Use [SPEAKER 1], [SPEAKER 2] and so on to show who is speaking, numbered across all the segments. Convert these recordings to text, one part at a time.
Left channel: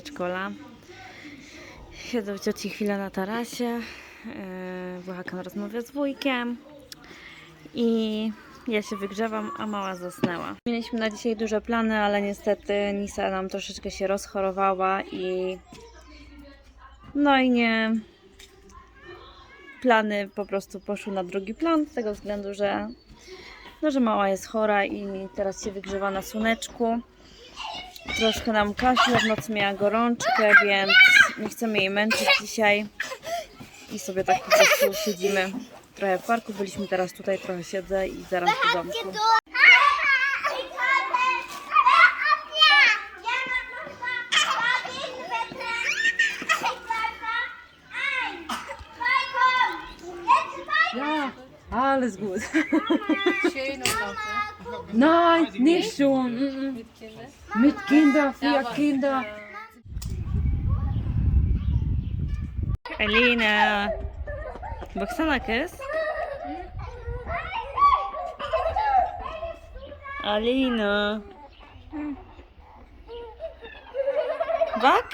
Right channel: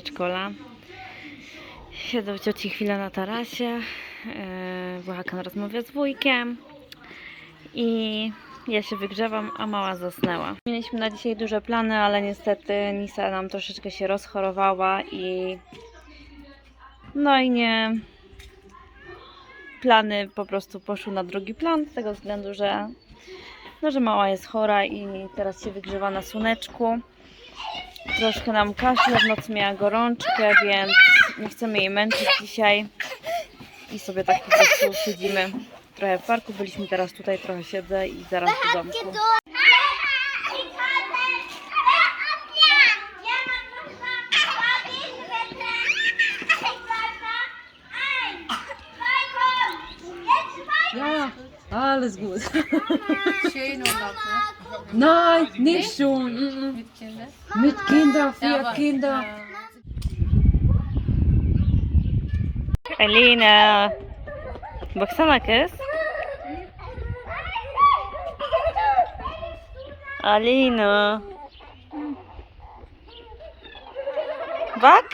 [SPEAKER 1] przedszkola. Siedzę cioci chwilę na tarasie. Yy, Włochakan rozmawia z wujkiem. I ja się wygrzewam, a mała zasnęła. Mieliśmy na dzisiaj duże plany, ale niestety Nisa nam troszeczkę się rozchorowała i no i nie plany po prostu poszły na drugi plan z tego względu, że no, że mała jest chora i teraz się wygrzewa na słoneczku. Troszkę nam kaszle, w nocy miała gorączkę, więc nie chcemy jej męczyć dzisiaj. I sobie tak po prostu siedzimy trochę w parku. Byliśmy teraz tutaj, trochę siedzę i zaraz do domku.
[SPEAKER 2] Alles gut. Nein, nicht schon. Mm, mm. Mit Kindern, vier Kinder.
[SPEAKER 1] Alina! Boksanak jest? Alina! Bak?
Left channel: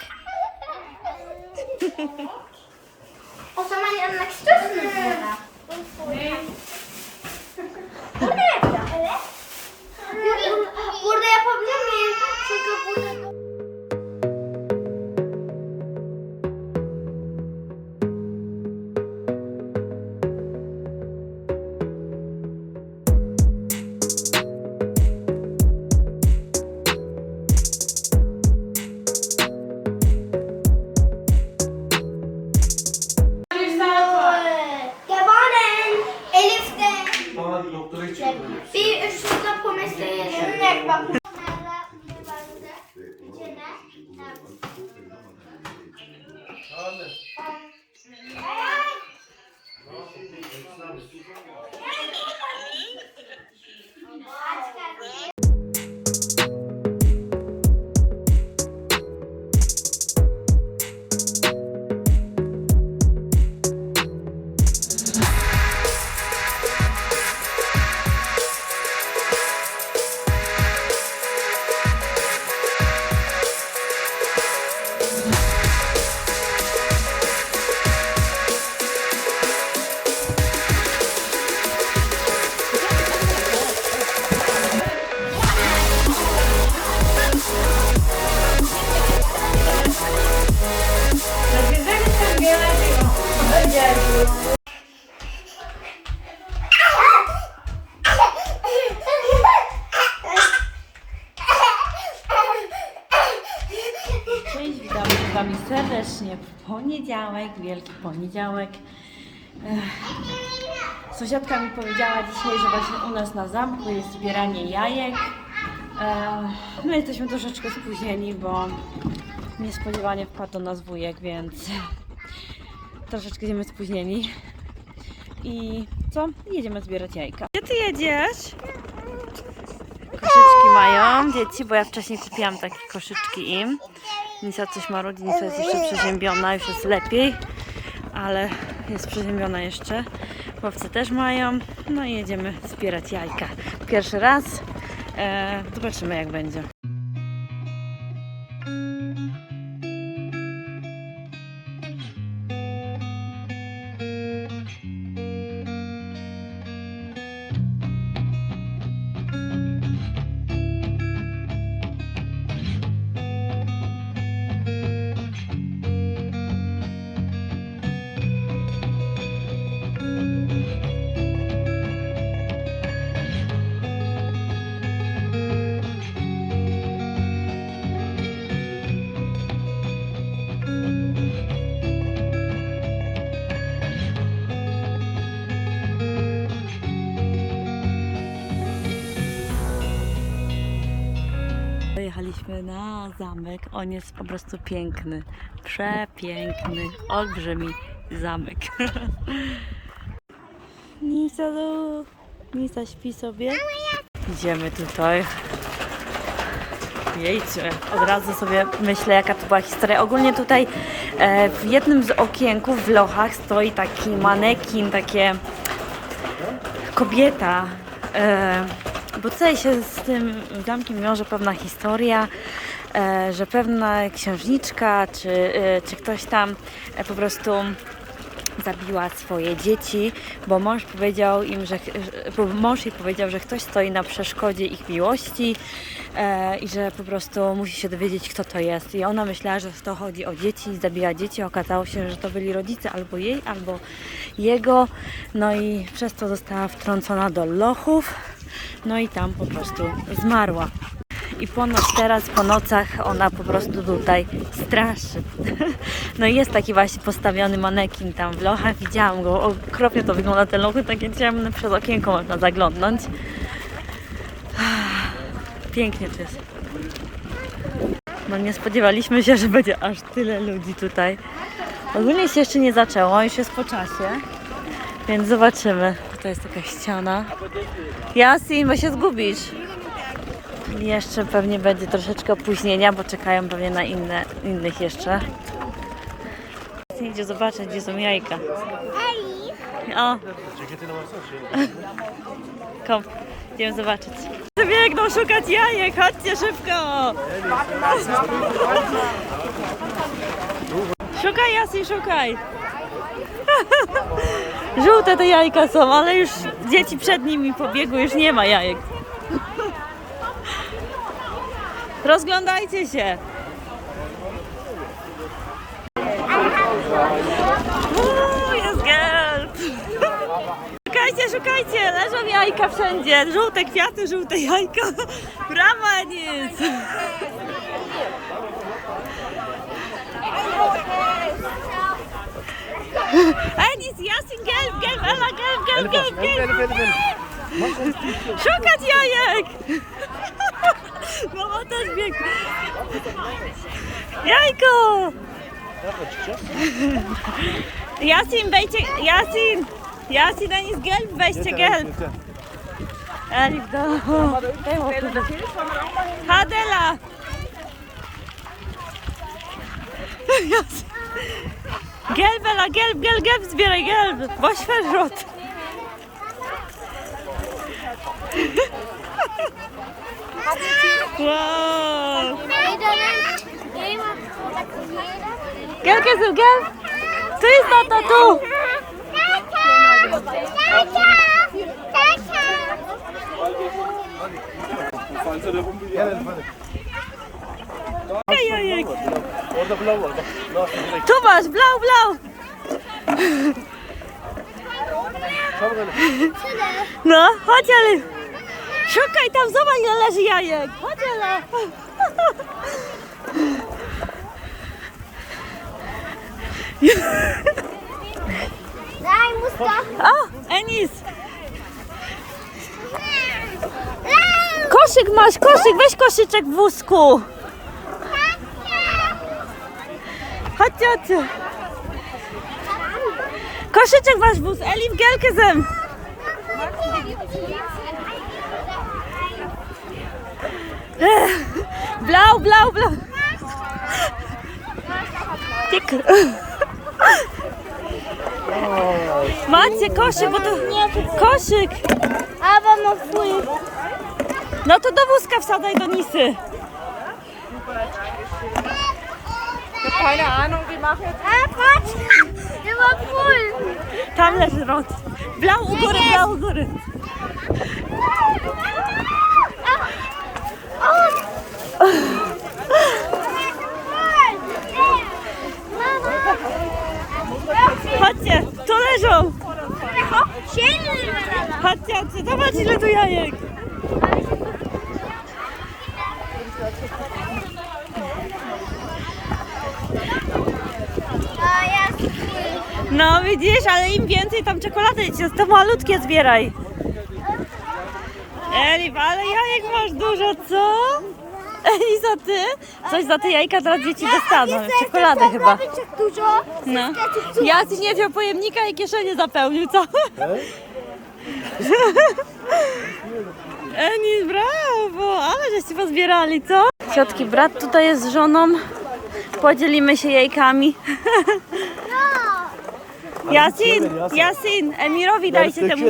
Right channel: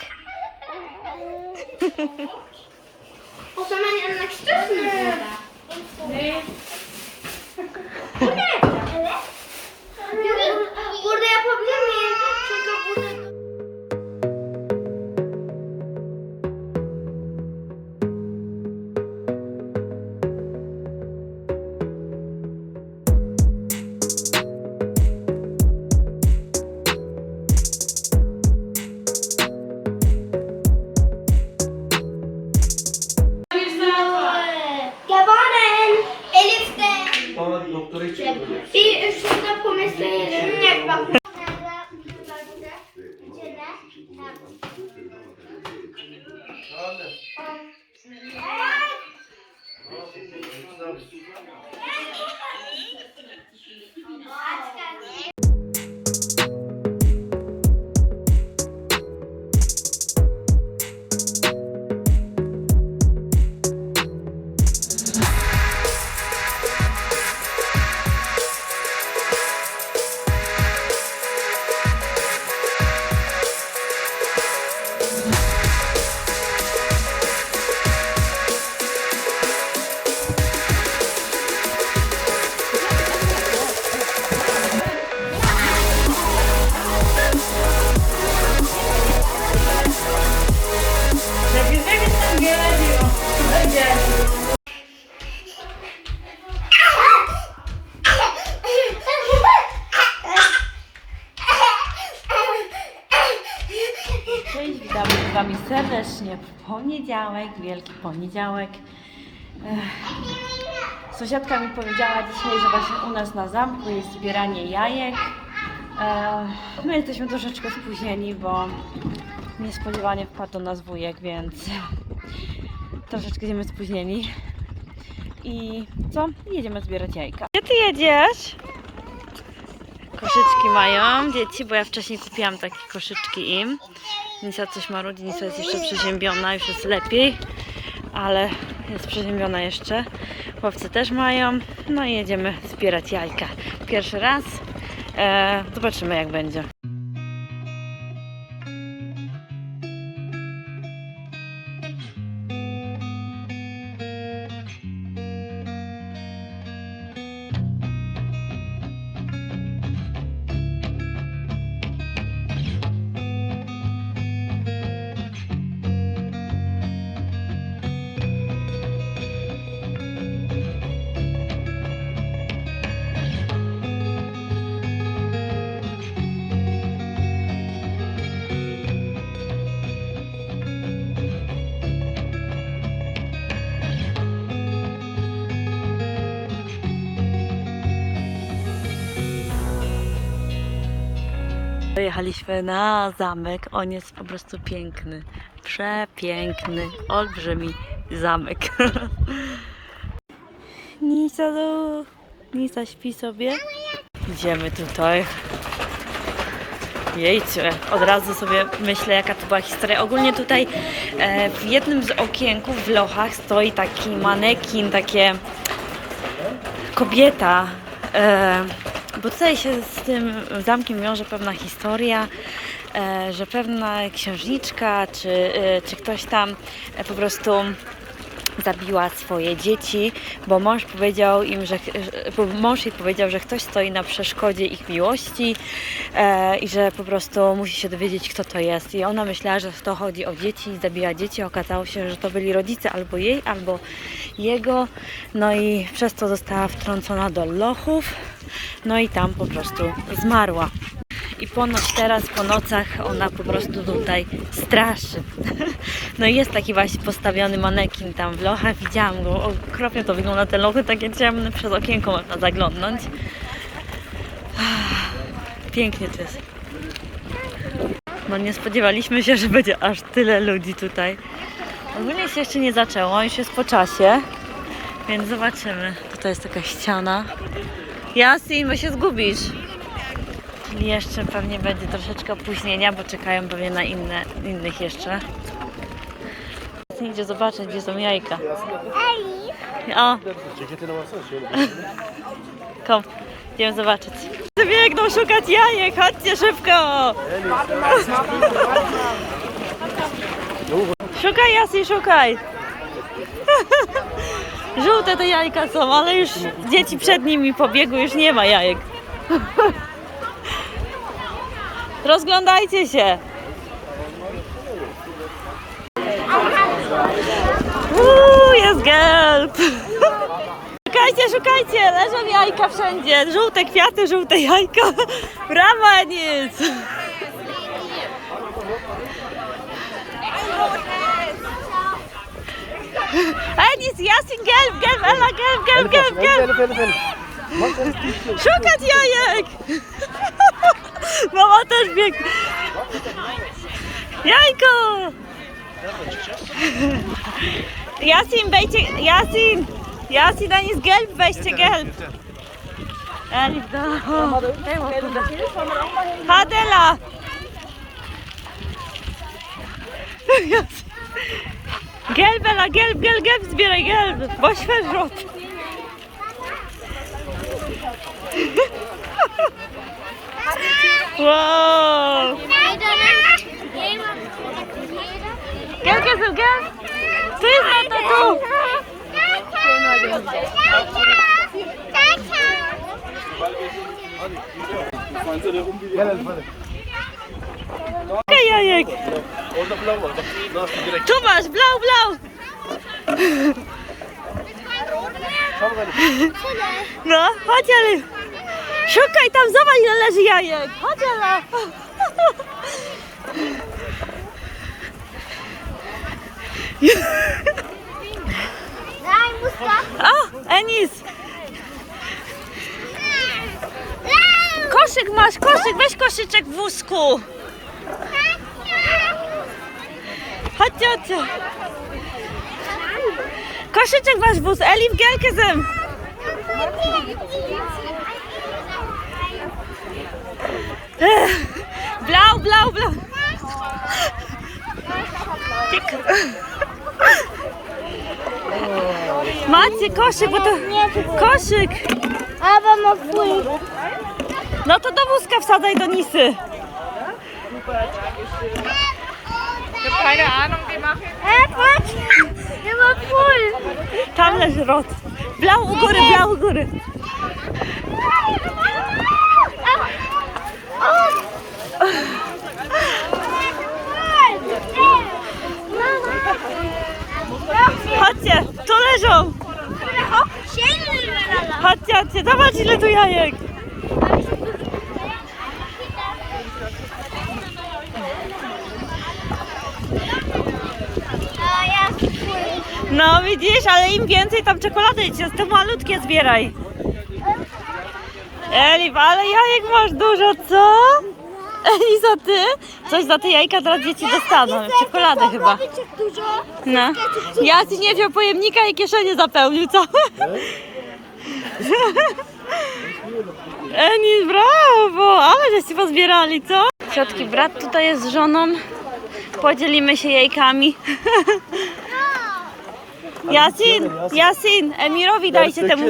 [SPEAKER 3] O zaman yanına istiyorsunuz burada. Evet. Burada yapabilir miyim? Çünkü burada...
[SPEAKER 1] serdecznie w poniedziałek, wielki poniedziałek. Sąsiadka mi powiedziała dzisiaj, że właśnie u nas na zamku jest zbieranie jajek. My jesteśmy troszeczkę spóźnieni, bo niespodziewanie wpadł do nas wujek, więc troszeczkę będziemy spóźnieni. I co? Jedziemy zbierać jajka. Gdzie ty jedziesz? Koszyczki mają dzieci, bo ja wcześniej kupiłam takie koszyczki im. Nisa coś marudzi, Nisa jest jeszcze przeziębiona, już jest lepiej, ale jest przeziębiona jeszcze. Chłopcy też mają, no i jedziemy zbierać jajka. Pierwszy raz, e, zobaczymy jak będzie. Dojechaliśmy na zamek. On jest po prostu piękny. Przepiękny, olbrzymi zamek. Nisa, do... Nisa śpi sobie. Idziemy tutaj. Jejcie, od razu sobie myślę, jaka to była historia. Ogólnie tutaj e, w jednym z okienków w lochach stoi taki manekin, takie kobieta. E, bo tutaj się z tym zamkiem wiąże pewna historia. e, że pewna księżniczka czy, e, czy ktoś tam e, po prostu zabiła swoje dzieci, bo mąż powiedział im, że mąż jej powiedział, że ktoś stoi na przeszkodzie ich miłości e, i że po prostu musi się dowiedzieć, kto to jest. I ona myślała, że to chodzi o dzieci zabiła dzieci. Okazało się, że to byli rodzice albo jej, albo jego. No i przez to została wtrącona do lochów. No i tam po prostu zmarła. I ponoć teraz po nocach ona po prostu tutaj straszy. No i jest taki właśnie postawiony manekin tam w lochach. Widziałam go, okropnie to wygląda te lochy takie ciemne, przez okienko można zaglądnąć. Pięknie to jest. No nie spodziewaliśmy się, że będzie aż tyle ludzi tutaj. Się jeszcze nie zaczęło, już jest po czasie, więc zobaczymy. Tutaj jest taka ściana. Jasin, bo się zgubisz. Jeszcze pewnie będzie troszeczkę opóźnienia, bo czekają pewnie na inne, innych jeszcze. Idzie zobaczyć, gdzie są jajka. O! Kom, idziemy zobaczyć. Biegną szukać jajek, chodźcie szybko! Szukaj, Jasi, szukaj! Żółte te jajka są, ale już dzieci przed nimi pobiegły, już nie ma jajek. Rozglądajcie się. Uuu, jest gelb. Szukajcie, szukajcie, leżą jajka wszędzie. Żółte kwiaty, żółte jajka. Brawa, Enis. Enis, Jasin, gelb, gelb, Ela, gelb, gelb, gelb, gelb. Szukać jajek. Mama też biegnie. Jajko! Jasin, wejdźcie, Jasin! Jasin, a jest gelb, weźcie gelb. Elif, do... o, Daj łapkę. Hadela! Jasin. Gelb, Ela, gelb, gelb, gelb, zbieraj gelb, bo świeżot. Wow! Gelb jest gelb? Tu jest tata, tu! Okej, jajek! Tu masz, blau, blau! No, chodź, ale... Szukaj tam, zobacz ile leży jajek! Chodź,
[SPEAKER 3] musta.
[SPEAKER 1] O, Enis! Koszyk masz, koszyk, weź koszyczek w wózku. Chodźcie. Koszyczek masz w wóz, Elif, gelkę zem. Ech, Blau, blau, blau. Tik. Macie koszyk, bo to koszyk. No to do wózka wsadzaj do Nisy.
[SPEAKER 3] Äh, patrz! Der war full.
[SPEAKER 1] Tam leży rot. Blau u góry, blau u góry. Chodźcie, tu leżą. Chodźcie, chodźcie, zobacz ile tu jajek. No widzisz, ale im więcej tam czekolady, to malutkie zbieraj. Elif, ale jajek masz dużo, co? Eliza, ty? Coś za te jajka teraz dzieci dostaną. Czekoladę chyba. No. Ja ci nie wziął pojemnika i kieszenie zapełnił, co? Enis, brawo! Ale żeście pozbierali, co? Ciotki brat tutaj jest z żoną. Podzielimy się jajkami. Jasin, Jasin, Emirowi dajcie temu.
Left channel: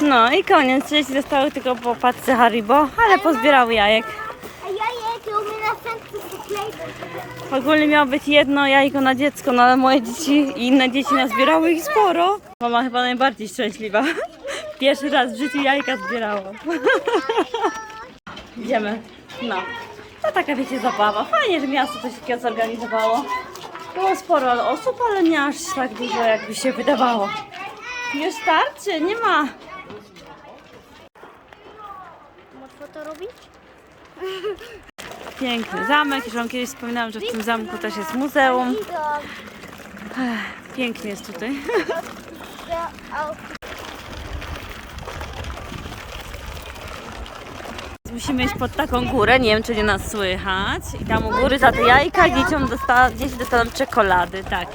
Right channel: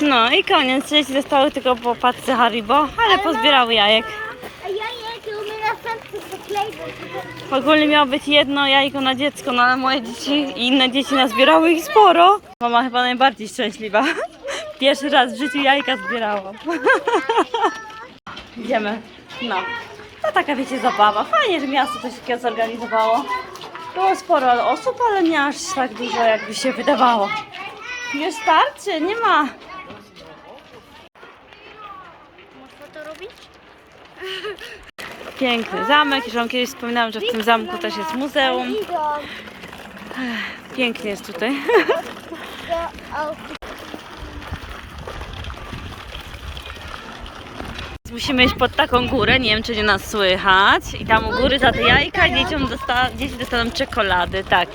[SPEAKER 1] No i koniec. Dzieci zostały tylko po paczce Haribo, ale pozbierały jajek.
[SPEAKER 3] A ja jakie u mnie na sercu zaklejdę.
[SPEAKER 1] Ogólnie miało być jedno jajko na dziecko, no ale moje dzieci i inne dzieci nazbierały ich sporo. Mama chyba najbardziej szczęśliwa. Pierwszy raz w życiu jajka zbierała. Idziemy. No. To taka wiecie zabawa. Fajnie, że miasto coś takiego zorganizowało. Było sporo osób, ale nie aż tak dużo jakby się wydawało. Już starczy, nie ma.
[SPEAKER 3] Można to robić?
[SPEAKER 1] Piękny zamek. Już wam kiedyś wspominałam, że w tym zamku też jest muzeum. Pięknie jest tutaj. Musimy iść pod taką górę, nie wiem czy nie nas słychać. I tam u góry za te jajka dzieciom dosta dzieci dostaną czekolady, tak.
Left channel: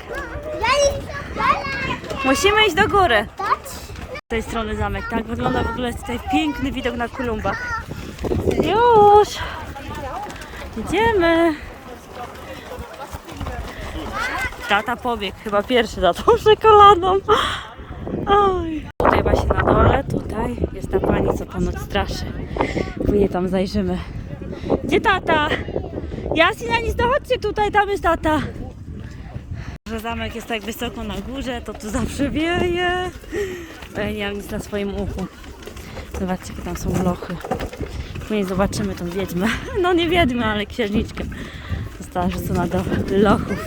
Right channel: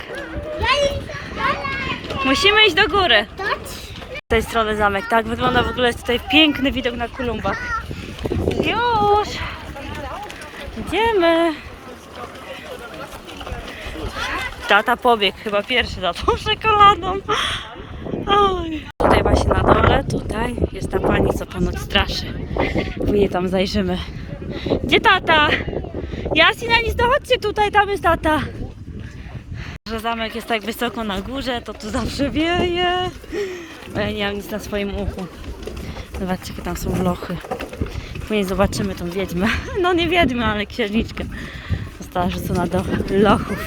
[SPEAKER 1] Musimy iść do góry. Z tej strony zamek, tak wygląda w ogóle tutaj piękny widok na Kolumbach. Już! Idziemy! Tata pobiegł chyba pierwszy za tą czekoladą. Oj. Tutaj właśnie na dole, tutaj jest ta pani, co ponoć straszy. My tam zajrzymy. Gdzie tata? Jasina, nic, chodźcie tutaj, tam jest tata. Że zamek jest tak wysoko na górze, to tu zawsze wieje. Ja nie mam nic na swoim uchu. Zobaczcie, jakie tam są lochy. Później zobaczymy tą wiedźmę. No nie wiedźmę, ale księżniczkę. Została rzucona do lochów.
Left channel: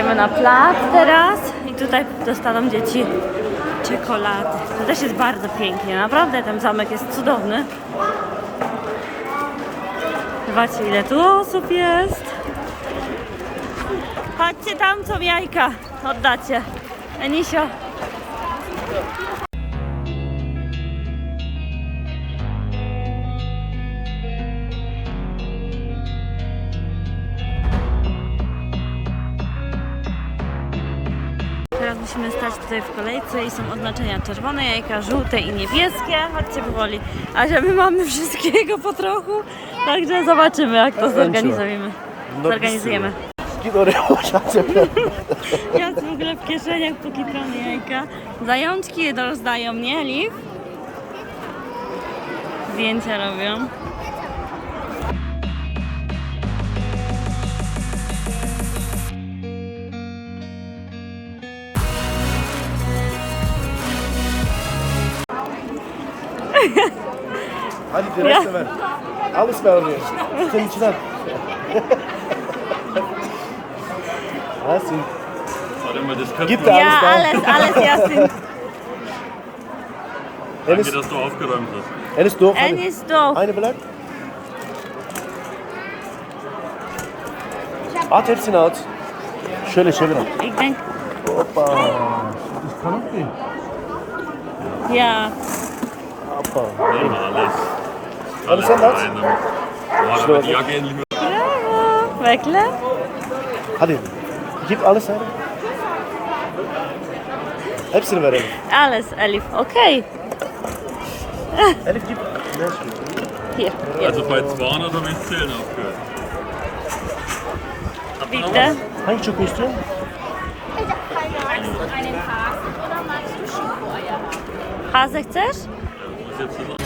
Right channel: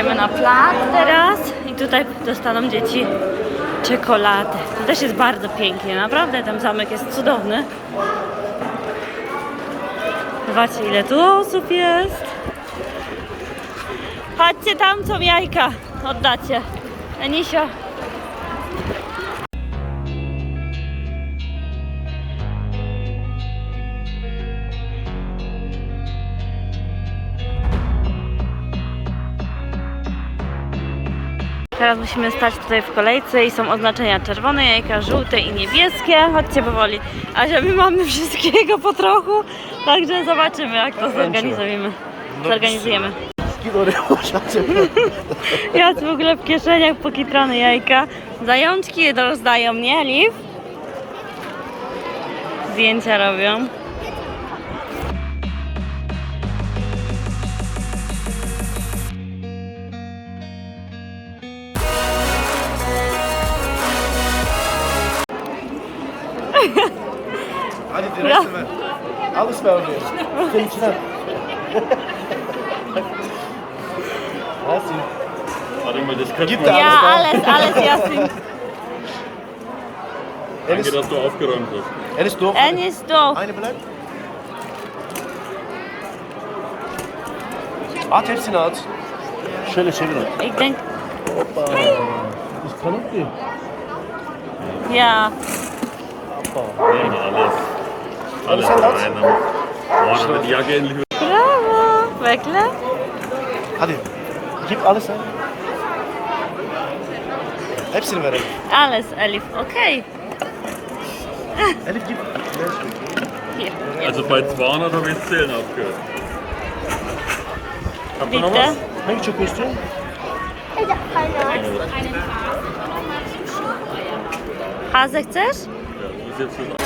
[SPEAKER 1] Idziemy na plac teraz i tutaj dostaną dzieci czekolady. To też jest bardzo pięknie, naprawdę ten zamek jest cudowny. Zobaczcie ile tu osób jest. Chodźcie tam, co jajka oddacie. Enisio. Teraz musimy stać tutaj w kolejce i są oznaczenia czerwone jajka, żółte i niebieskie. Chodźcie powoli. A że my mamy wszystkiego po trochu, także zobaczymy jak to zorganizujemy. Zorganizujemy. Ja w ogóle w kieszeniach pokitrane jajka. Zajączki rozdają, nie, Liv? Zdjęcia robią.
[SPEAKER 4] Ja, alles Al ısmarlıyor. Senin için al. Yasin.
[SPEAKER 5] Warte mal, das könnte
[SPEAKER 4] Gibt
[SPEAKER 5] man.
[SPEAKER 1] Ja,
[SPEAKER 4] alles,
[SPEAKER 1] alles Yasin.
[SPEAKER 5] Danke, dass du aufgeräumt hast.
[SPEAKER 4] Er ist doof.
[SPEAKER 1] Er ist doof.
[SPEAKER 4] Beide bleibt. At hepsini at. Schöne, çevir.
[SPEAKER 1] Ich denk.
[SPEAKER 4] Hoppa. Ich kann nicht.
[SPEAKER 1] Ja.
[SPEAKER 5] Opa, Nehmen wir alles.
[SPEAKER 4] Alles in
[SPEAKER 5] einem. Boah, da wird die Jacke endlich
[SPEAKER 1] wieder. Bravo!
[SPEAKER 4] Weckler? Adi, gib alles ein. Epsilon wäre verelim.
[SPEAKER 1] Alles Elif, okay.
[SPEAKER 4] Elif gib.
[SPEAKER 1] Hier.
[SPEAKER 5] Also bei 200 habe ich 10 aufgehört. Habt ihr noch was?
[SPEAKER 4] Hängt schon bist du?
[SPEAKER 3] Ich habe keine
[SPEAKER 1] Wachsen, einen
[SPEAKER 5] Hasen oder mal zum Schokoeier haben. H60?
[SPEAKER 1] Ja, wo ist jetzt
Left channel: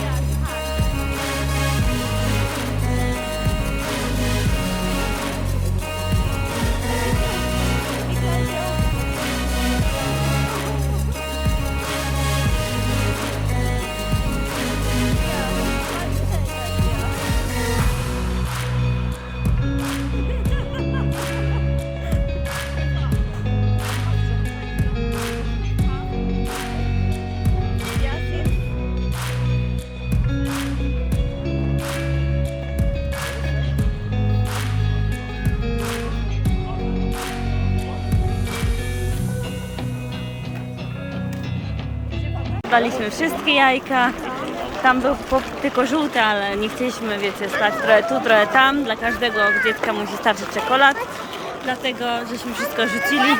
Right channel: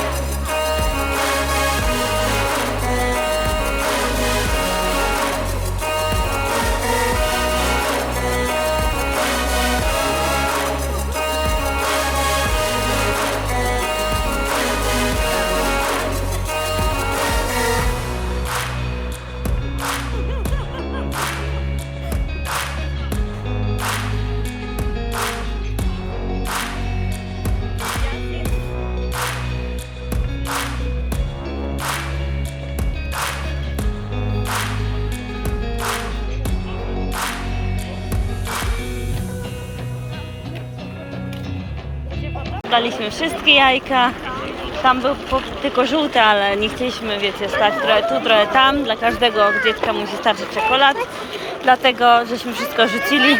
[SPEAKER 1] Daliśmy wszystkie jajka. Tam był tylko żółty, ale nie chcieliśmy, wiecie, stać trochę tu, trochę tam. Dla każdego dziecka musi starczyć czekolad. Dlatego żeśmy wszystko rzucili.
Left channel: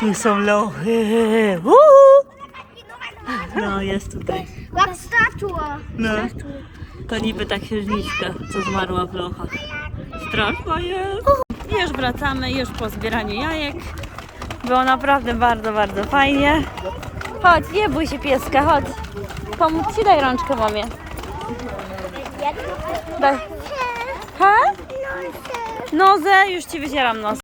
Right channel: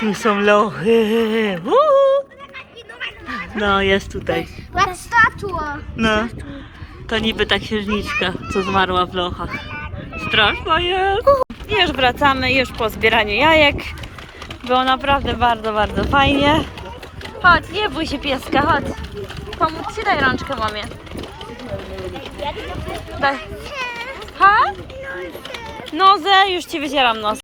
[SPEAKER 1] Tu są lochy. Uhu. No, jest tutaj.
[SPEAKER 3] Jak statua.
[SPEAKER 1] No. To niby ta księżniczka, co zmarła w lochach. Straszna jest. I już wracamy, już po zbieraniu jajek. Było naprawdę bardzo, bardzo fajnie. Chodź, nie bój się pieska, chodź. Pomóc ci, daj rączkę mamie. Daj. Ha? Nozę, już ci wycieram nos.